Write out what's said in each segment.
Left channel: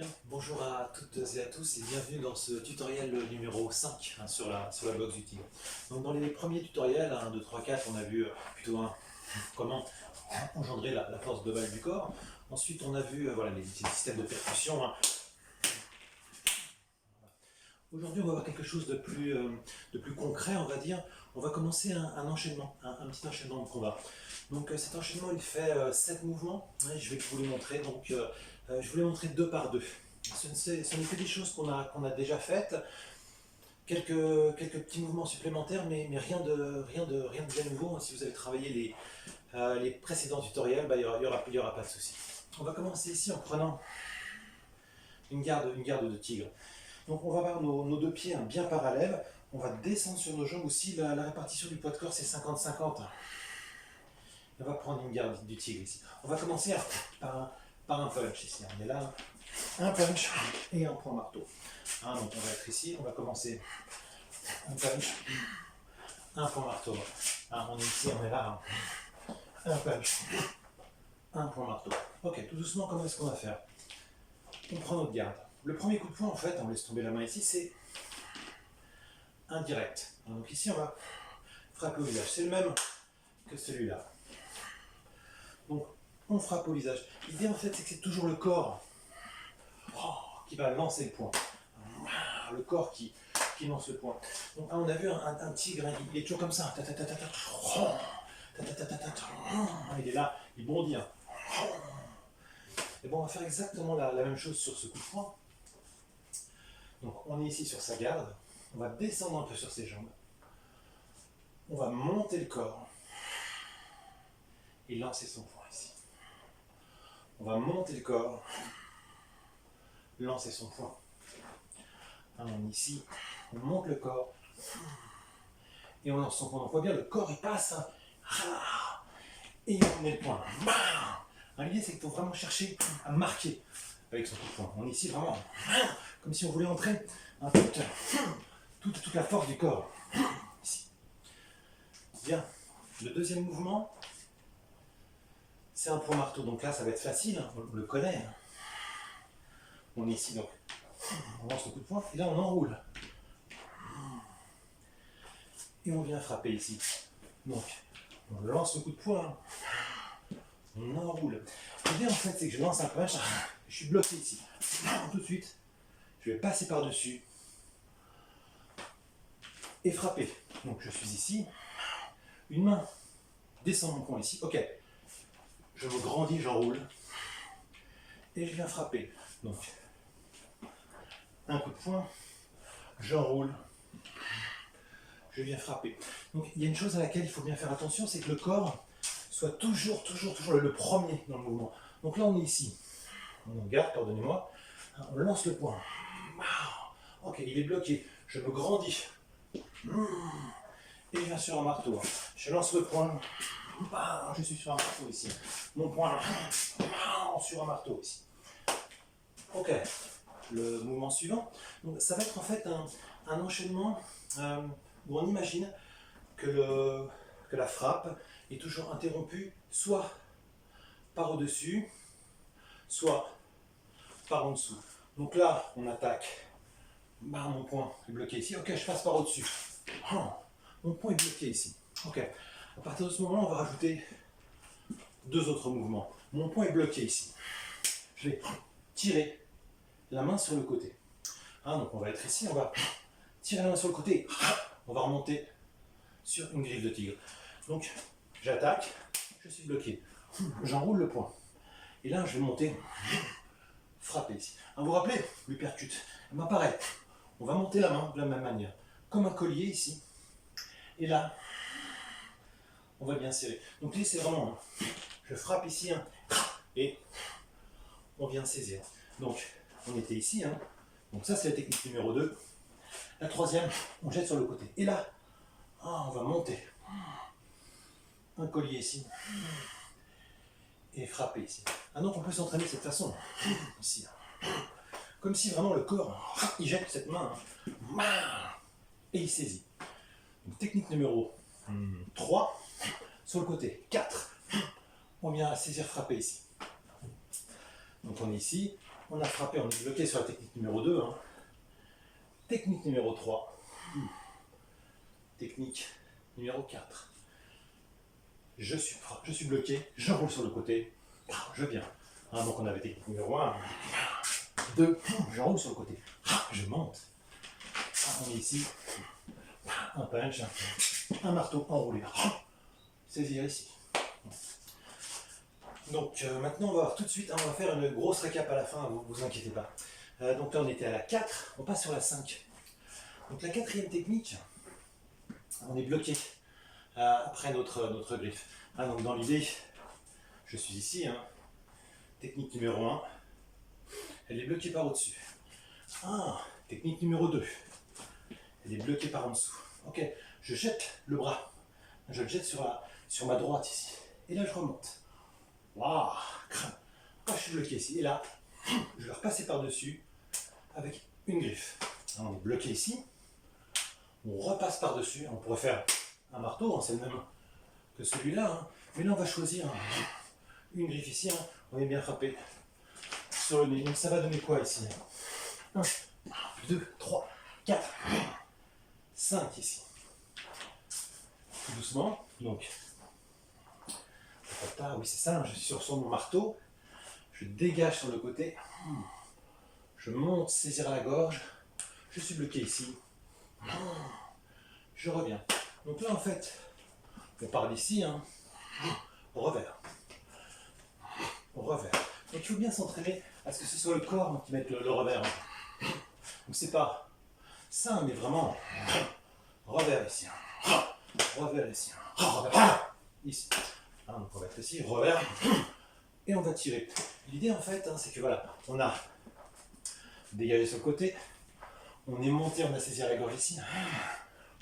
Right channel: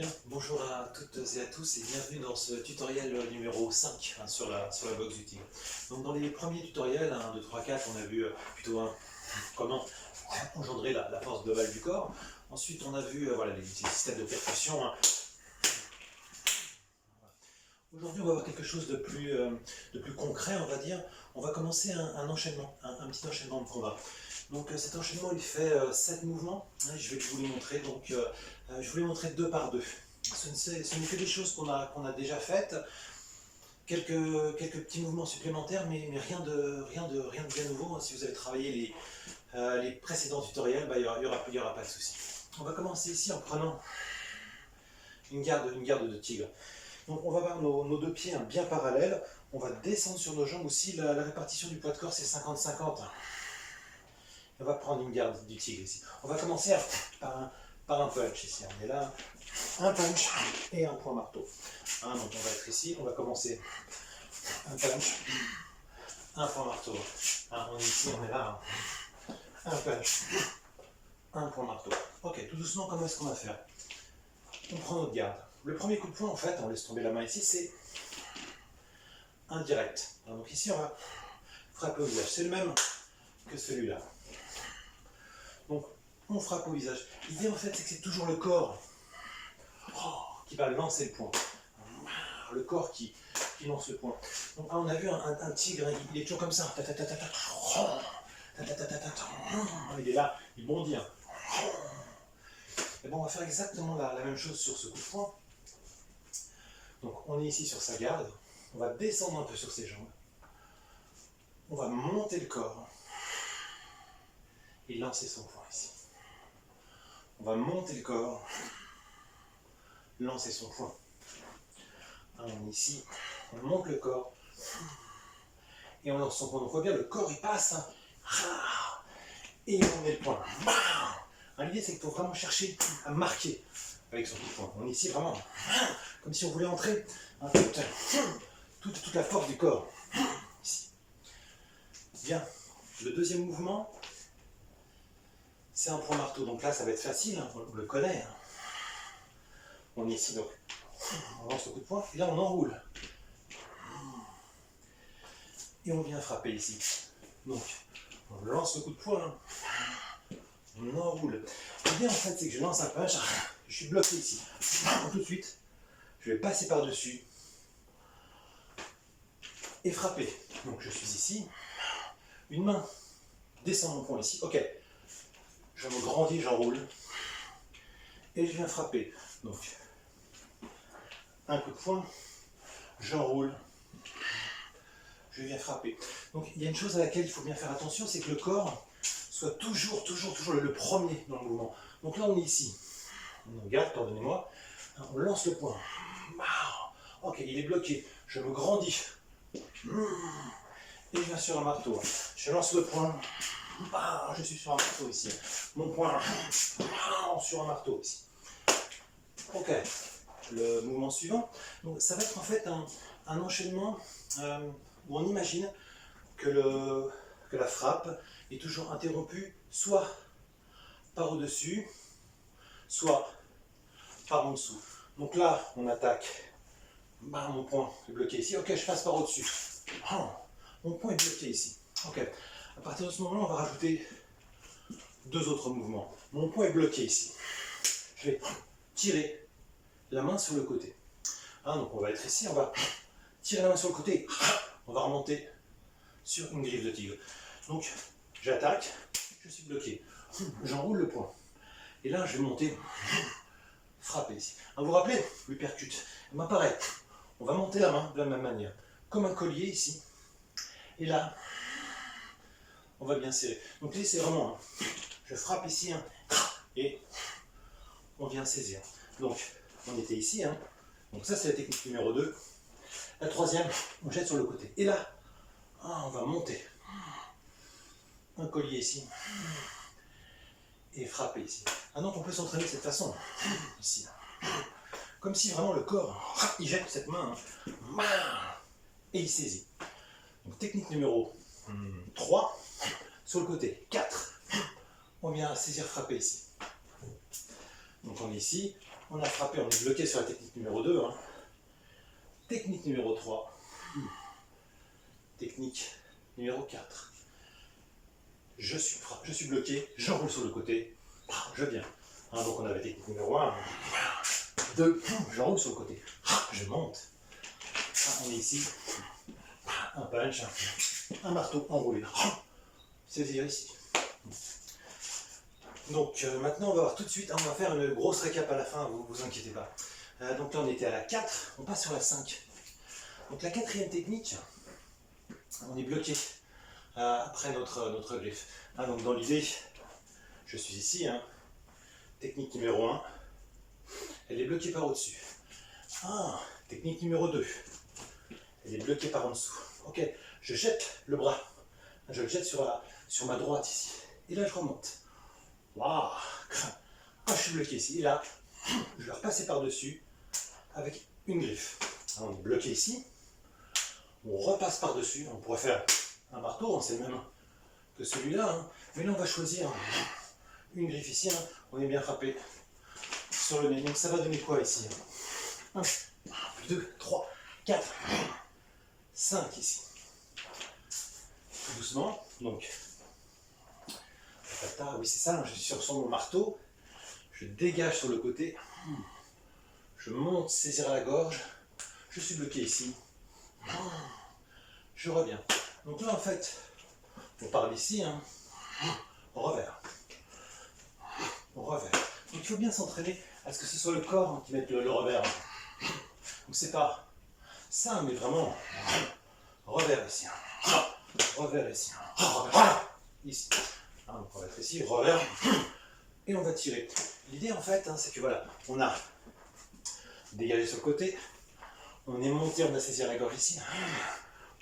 Bien, bonjour à toutes et à tous et bienvenue dans ce tutoriel numéro 5 sur la boxe du tigre. Donc dans les premiers tutoriels, 1, 2, 3, 4, on a vu comment engendrer la force globale du corps. Ensuite on a vu voilà, les systèmes de percussion. Aujourd'hui on va voir quelque chose de plus concret, on va dire. On va commencer un enchaînement, un petit enchaînement de combat. Donc cet enchaînement il fait 7 mouvements, je vais vous les montrer, donc je vous les montrer deux par deux. Ce n'est que des choses qu'on a déjà faites, quelques petits mouvements supplémentaires, mais rien de bien nouveau. Si vous avez travaillé les précédents tutoriels, il n'y aura pas de souci. On va commencer ici en prenant une garde de tigre. Donc on va avoir nos deux pieds bien parallèles, on va descendre sur nos jambes aussi, la répartition du poids de corps c'est 50-50. On va prendre une garde du tigre ici. On va commencer par un punch ici. On est là, un punch et un point marteau. Donc on va être ici, on va commencer un punch, un point marteau. On est ici, on est là, un punch, un point marteau. Ok, tout doucement, comment est-ce qu'on va faire? On prend notre garde. Le premier coup de poing, en fait, on laisse tomber la main ici, c'est indirect. Donc ici, on va frapper au visage. C'est le même que celui-là. Donc, on frappe au visage. L'idée, en fait, c'est que c'est toujours le corps qui va lancer le poing. Le corps qui lance le poing. Donc, on a vu un tigre, il est toujours comme ça. Il est là, il bondit. Et bon, on va faire exactement la même chose sur ce coup de poing. Donc, on est ici sur sa garde. On va descendre un peu sur ses jambes. On va monter le corps et lancer son poing ici. On va monter le corps, lancer son poing. On est ici, on monte le corps et on lance son poing. Donc on voit bien, le corps il passe et on met le poing. L'idée c'est qu'il faut vraiment chercher à marquer avec son coup de poing. On est ici vraiment comme si on voulait entrer toute la force du corps. Ici. Bien, le deuxième mouvement, c'est un point marteau. Donc là ça va être facile, on le connaît. On est ici donc. On lance le coup de poing et là on enroule. Et on vient frapper ici. Donc on lance le coup de poing, on enroule. L'idée en fait c'est que je lance un punch, je suis bloqué ici. Tout de suite, je vais passer par-dessus et frapper. Donc je suis ici, une main descend mon poing ici, ok. Je me grandis, j'enroule et je viens frapper. Donc un coup de poing, j'enroule, je viens frapper. Donc il y a une chose à laquelle il faut bien faire attention, c'est que le corps soit toujours le premier dans le mouvement. Donc là on est ici, on garde, pardonnez-moi, on lance le poing. Ok, il est bloqué, je me grandis. Et je viens sur un marteau. Je lance le poing, je suis sur un marteau ici. Mon poing sur un marteau ici. Ok, le mouvement suivant. Donc ça va être en fait un enchaînement où on imagine que la frappe est toujours interrompue soit par au-dessus, soit par en dessous. Donc là, on attaque. Mon point est bloqué ici. Ok, je passe par au-dessus. Mon point est bloqué ici. Ok. À partir de ce moment, on va rajouter deux autres mouvements. Mon point est bloqué ici. Je vais tirer la main sur le côté. Donc on va être ici, on va tirer la main sur le côté. On va remonter sur une griffe de tigre. Donc j'attaque, je suis bloqué. J'enroule le poing. Et là, je vais monter, frapper ici. Vous vous rappelez, l'uppercut. Pareil, on va monter la main de la même manière, comme un collier ici. Et là, on va bien serrer. Donc là, c'est vraiment, je frappe ici, et on vient saisir. Donc, on était ici. Donc ça, c'est la technique numéro 2. La troisième, on jette sur le côté. Et là, on va monter. Un collier ici. Et frapper ici. Donc on peut s'entraîner de cette façon. Ici. Comme si vraiment le corps, il jette cette main. Et il saisit. Donc technique numéro 3. Sur le côté. 4. On vient saisir, frapper ici. Donc on est ici. On a frappé, on est bloqué sur la technique numéro 2. Hein. Technique numéro 3. Technique numéro 4. Je suis bloqué, je roule sur le côté, je viens. Hein, donc on avait technique numéro 1. 2, je roule sur le côté, je monte. On est ici, un punch, un marteau enroulé. Saisir ici. Donc maintenant on va voir tout de suite, hein, on va faire une grosse récap à la fin, vous inquiétez pas. Donc là on était à la 4, on passe sur la 5. Donc la quatrième technique, on est bloqué après notre griffe. Hein, donc dans l'idée, je suis ici, hein, technique numéro 1, elle est bloquée par au-dessus. Technique numéro 2, elle est bloquée par en dessous. Ok, je jette le bras, je le jette sur ma droite ici, et là je remonte. Waouh, je suis bloqué ici, et là, je vais repasser par-dessus avec une griffe. Hein, on est bloqué ici, on repasse par-dessus, on pourrait faire un marteau, hein, c'est le même que celui-là, hein, mais là on va choisir une griffe ici, hein, on est bien frappé sur le nez, donc ça va donner quoi ici? 1, 2, 3, 4, 5 ici. Tout doucement, donc, oui c'est ça, je suis sur mon marteau, je dégage sur le côté, je monte, saisir à la gorge, je suis bloqué ici, je reviens. Donc là en fait, on part d'ici, hein, revers. Revers. Donc il faut bien s'entraîner à ce que ce soit le corps qui mette le revers. Donc c'est pas ça, mais vraiment revers ici. Revers ici. Revers ici. Donc on va être ici, revers. Et on va tirer. L'idée en fait, hein, c'est que voilà, on a dégagé sur le côté, on est monté, on a saisi à la gorge ici,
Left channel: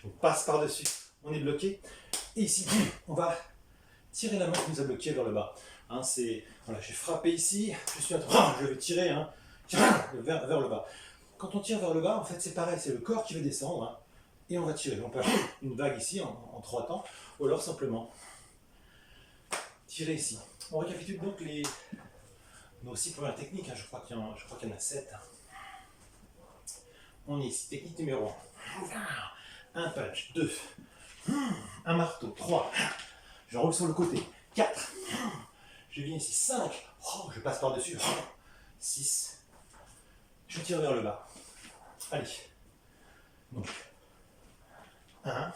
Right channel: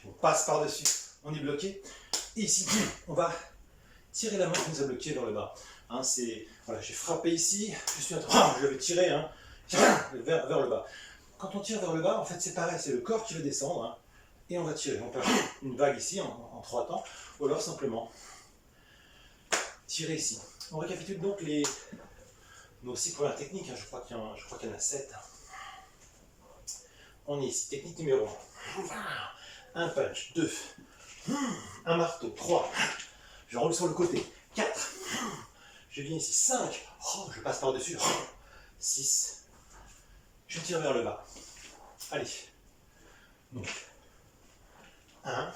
on passe par-dessus, on est bloqué, et ici, on va tirer la main qui nous a bloqué vers le bas. Hein, voilà, j'ai frappé ici, je vais tirer hein, vers le bas. Quand on tire vers le bas, en fait c'est pareil, c'est le corps qui va descendre, hein, et on va tirer. On peut faire une vague ici en 3 temps, ou alors simplement tirer ici. On récapitule donc nos 6 premières techniques, hein, je crois qu'il y en a 7. On est ici, technique numéro 1, un punch, 2, un marteau, 3, je roule sur le côté, 4, je viens ici, 5, je passe par-dessus, 6, je tire vers le bas. Allez, donc 1,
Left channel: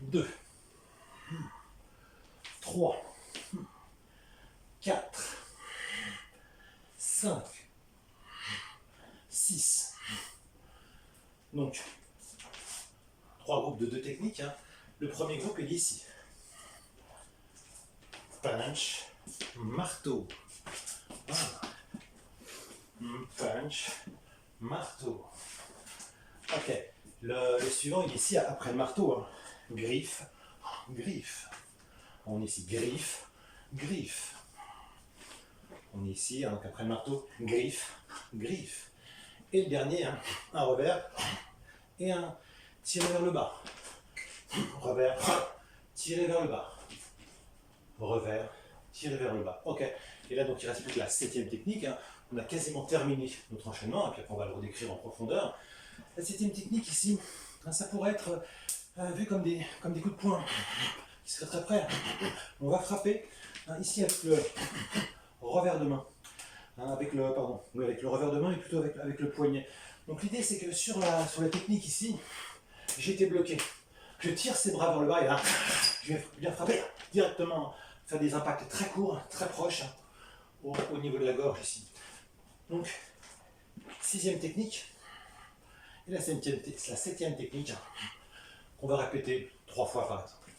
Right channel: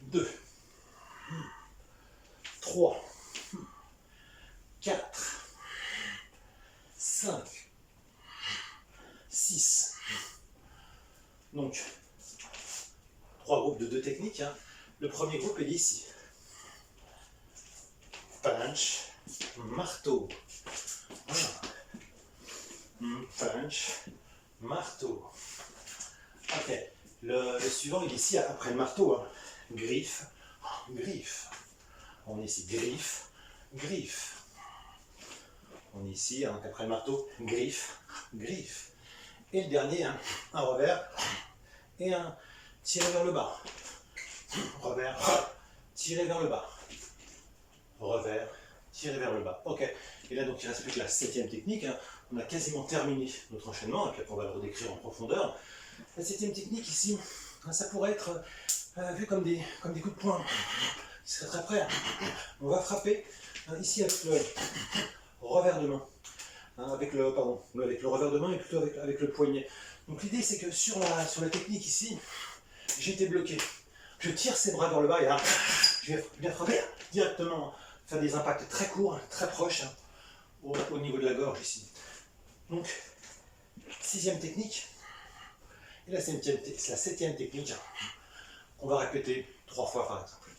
2, 3, 4, 5, 6. Donc, 3 groupes de 2 techniques. Hein. Le premier groupe est ici. Punch, marteau. Voilà. Punch, marteau. Ok. Le suivant, il est ici après le marteau. Hein. Griffe, griffe. On est ici, griffe, griffe. On est ici, hein, donc après le marteau, griffe, griffe. Et le dernier, hein, un revers et un tiré vers le bas. Revers, tiré vers le bas. Revers, tiré vers le bas. Ok. Et là, donc, il ne reste plus que la 7e technique. Hein. On a quasiment terminé notre enchaînement, et puis après, on va le redécrire en profondeur. La 7e technique ici, hein, ça pourrait être vu comme des coups de poing qui seraient très près. On va frapper hein, ici avec le revers de main. Hein, avec le revers de main et plutôt avec le poignet. Donc l'idée c'est que sur la technique ici, j'ai été bloqué. Je tire ses bras vers le bas et là, je viens frapper directement, faire des impacts très courts, très proches, hein, au niveau de la gorge ici. Donc, 6e technique, et la 7e technique, qu'on va répéter 3 fois par exemple.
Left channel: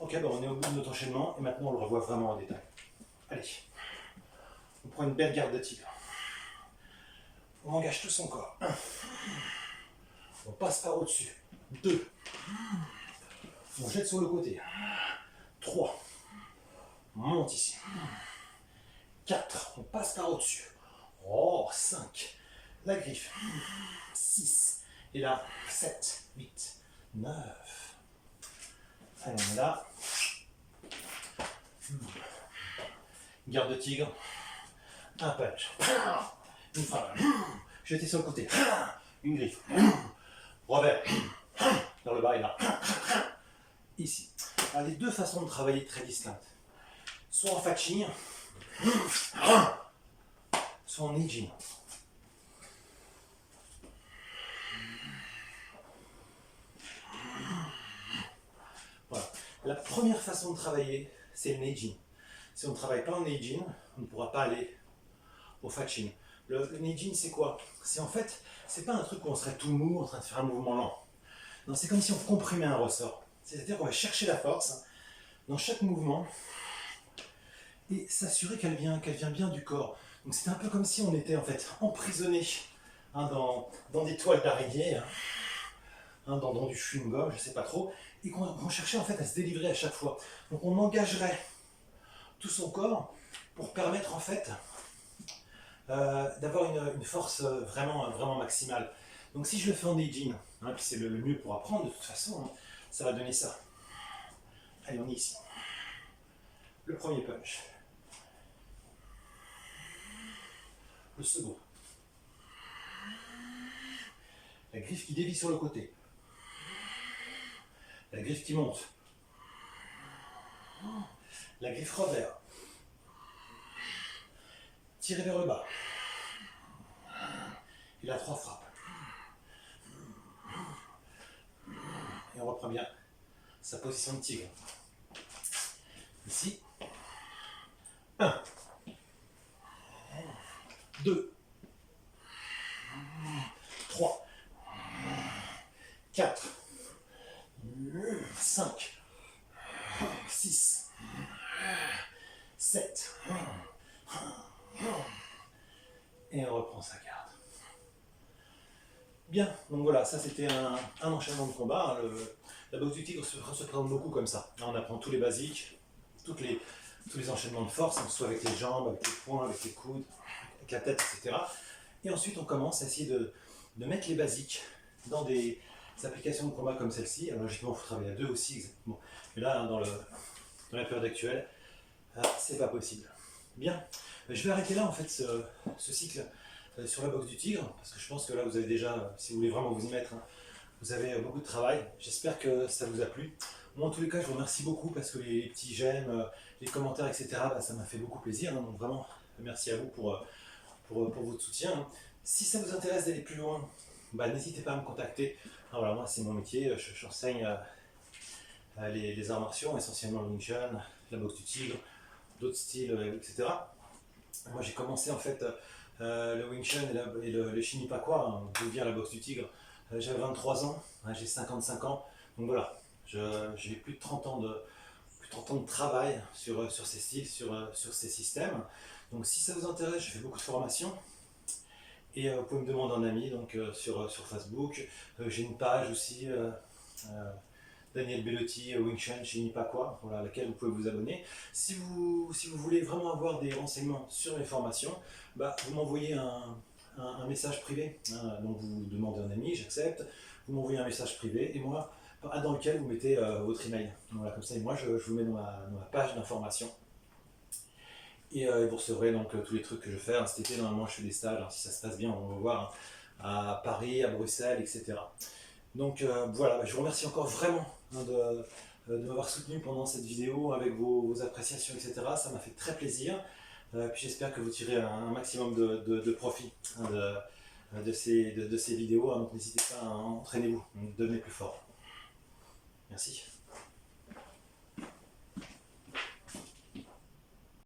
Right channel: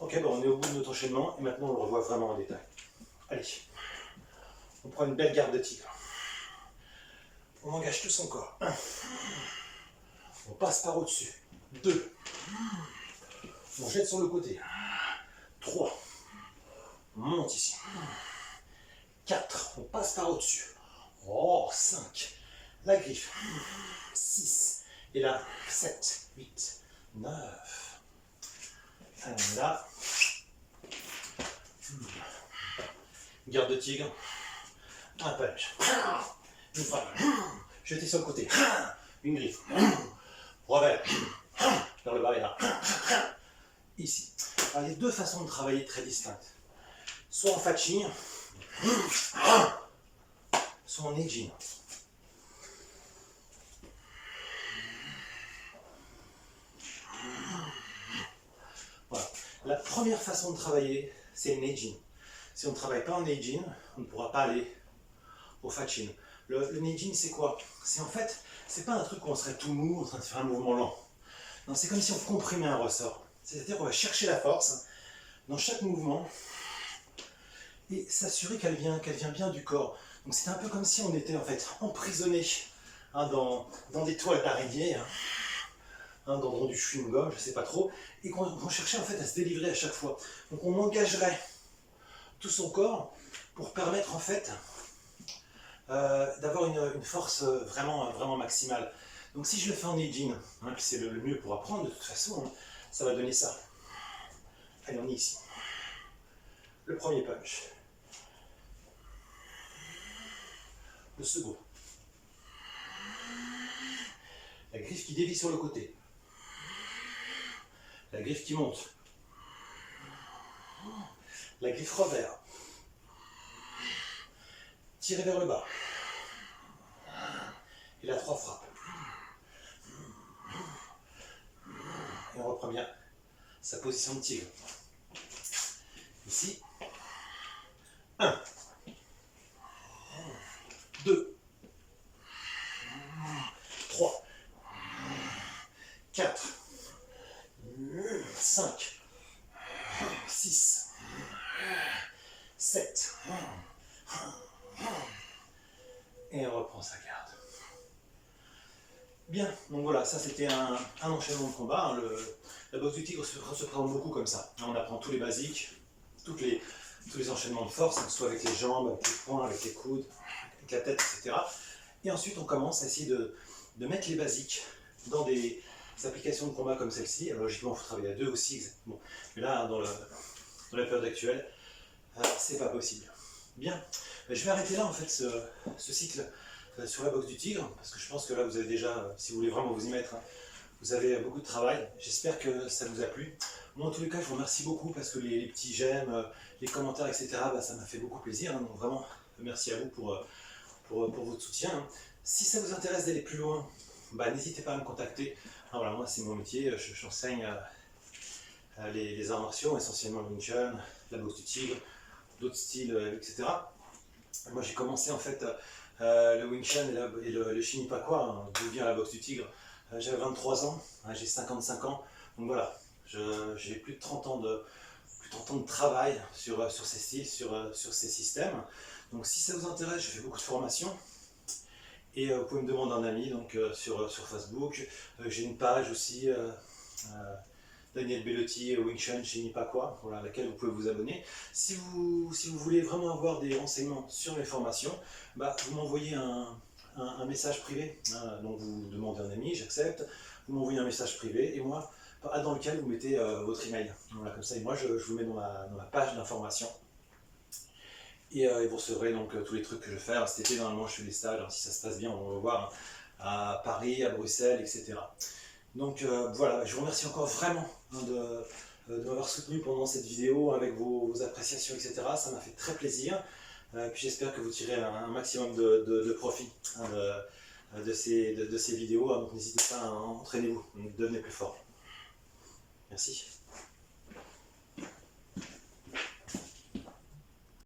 Ok, bon, on est au bout de notre enchaînement et maintenant on le revoit vraiment en détail. Allez. On prend une belle garde de tigre. On engage tout son corps. 1. On passe par au-dessus. 2. On jette sur le côté. 3. On monte ici. 4. On passe par au-dessus. 5. La griffe. 6. Et là, 7, 8, 9. Allez, on est là. Garde de tigre. un punch, une frappe, jeter sur le côté, une griffe, revers, vers le bas et là, ici. Alors, il y a deux façons de travailler très distinctes. Soit en fatching, soit en edging. Voilà. La première façon de travailler, c'est le edging. Si on ne travaille pas en edging, on ne pourra pas aller au fatching. Le edging, c'est quoi? C'est en fait, c'est pas un truc où on serait tout mou en train de faire un mouvement lent. Non, c'est comme si on comprimait un ressort. C'est-à-dire qu'on va chercher la force dans chaque mouvement et s'assurer qu'elle vient bien du corps. Donc c'est un peu comme si on était en fait emprisonné dans des toiles d'araignée, dans du chewing-gum, je sais pas trop, et qu'on cherchait en fait à se délivrer à chaque fois. Donc on engagerait tout son corps pour permettre en fait d'avoir une force vraiment maximale. Donc si je le fais en edging, puis c'est le mieux pour apprendre de toute façon, ça va donner ça. Allez, on est ici. Le premier punch. Le second. La griffe qui dévie sur le côté. La griffe qui monte. La griffe revers. Tirer vers le bas. Et la 3 frappes. Et on reprend bien sa position de tigre. Ici. 1. 2. 3. 4. 5. 6. 7. Et on reprend sa garde. Bien, donc voilà, ça c'était un enchaînement de combat. La boxe du tigre se présente beaucoup comme ça. On apprend tous les basiques, tous les enchaînements de force, soit avec les jambes, avec les poings, avec les coudes, avec la tête, etc. Et ensuite on commence à essayer de mettre les basiques dans des applications de combat comme celle-ci. Alors logiquement il faut travailler à deux aussi, bon. Mais là, dans la période actuelle, c'est pas possible. Bien, je vais arrêter là en fait ce cycle sur la boxe du tigre, parce que je pense que là vous avez déjà, si vous voulez vraiment vous y mettre, vous avez beaucoup de travail. J'espère que ça vous a plu. Moi en tous les cas je vous remercie beaucoup parce que les petits j'aime, les commentaires, etc., ça m'a fait beaucoup plaisir, donc vraiment merci à vous pour votre soutien. Si ça vous intéresse d'aller plus loin, n'hésitez pas à me contacter. Voilà, moi c'est mon métier, j'enseigne les arts martiaux, essentiellement le Wing Chun, la boxe du tigre, d'autres styles, etc. Moi j'ai commencé en fait le Wing Chun et le Shin Ipakwa, d'où vient la boxe du tigre. J'avais 23 ans, j'ai 55 ans, donc voilà, j'ai plus de 30 ans de travail sur ces styles, sur ces systèmes. Donc si ça vous intéresse, je fais beaucoup de formations. Et vous pouvez me demander un ami donc, sur Facebook. J'ai une page aussi, Daniel Bellotti, Wing Chun chez Nipakwa, voilà, à laquelle vous pouvez vous abonner. Si vous voulez vraiment avoir des renseignements sur mes formations, vous m'envoyez un message privé. Donc vous demandez un ami, j'accepte. Vous m'envoyez un message privé et moi, dans lequel vous mettez votre email. Voilà, comme ça, et moi je vous mets dans ma page d'information. Et vous recevrez donc tous les trucs que je vais faire. Cet été, normalement, je fais des stages. Si ça se passe bien, on va voir à Paris, à Bruxelles, etc. Donc voilà, je vous remercie encore vraiment de m'avoir soutenu pendant cette vidéo avec vos appréciations, etc. Ça m'a fait très plaisir. Puis j'espère que vous tirez un maximum de profit de ces vidéos. Donc n'hésitez pas, entraînez-vous, devenez plus fort. Merci.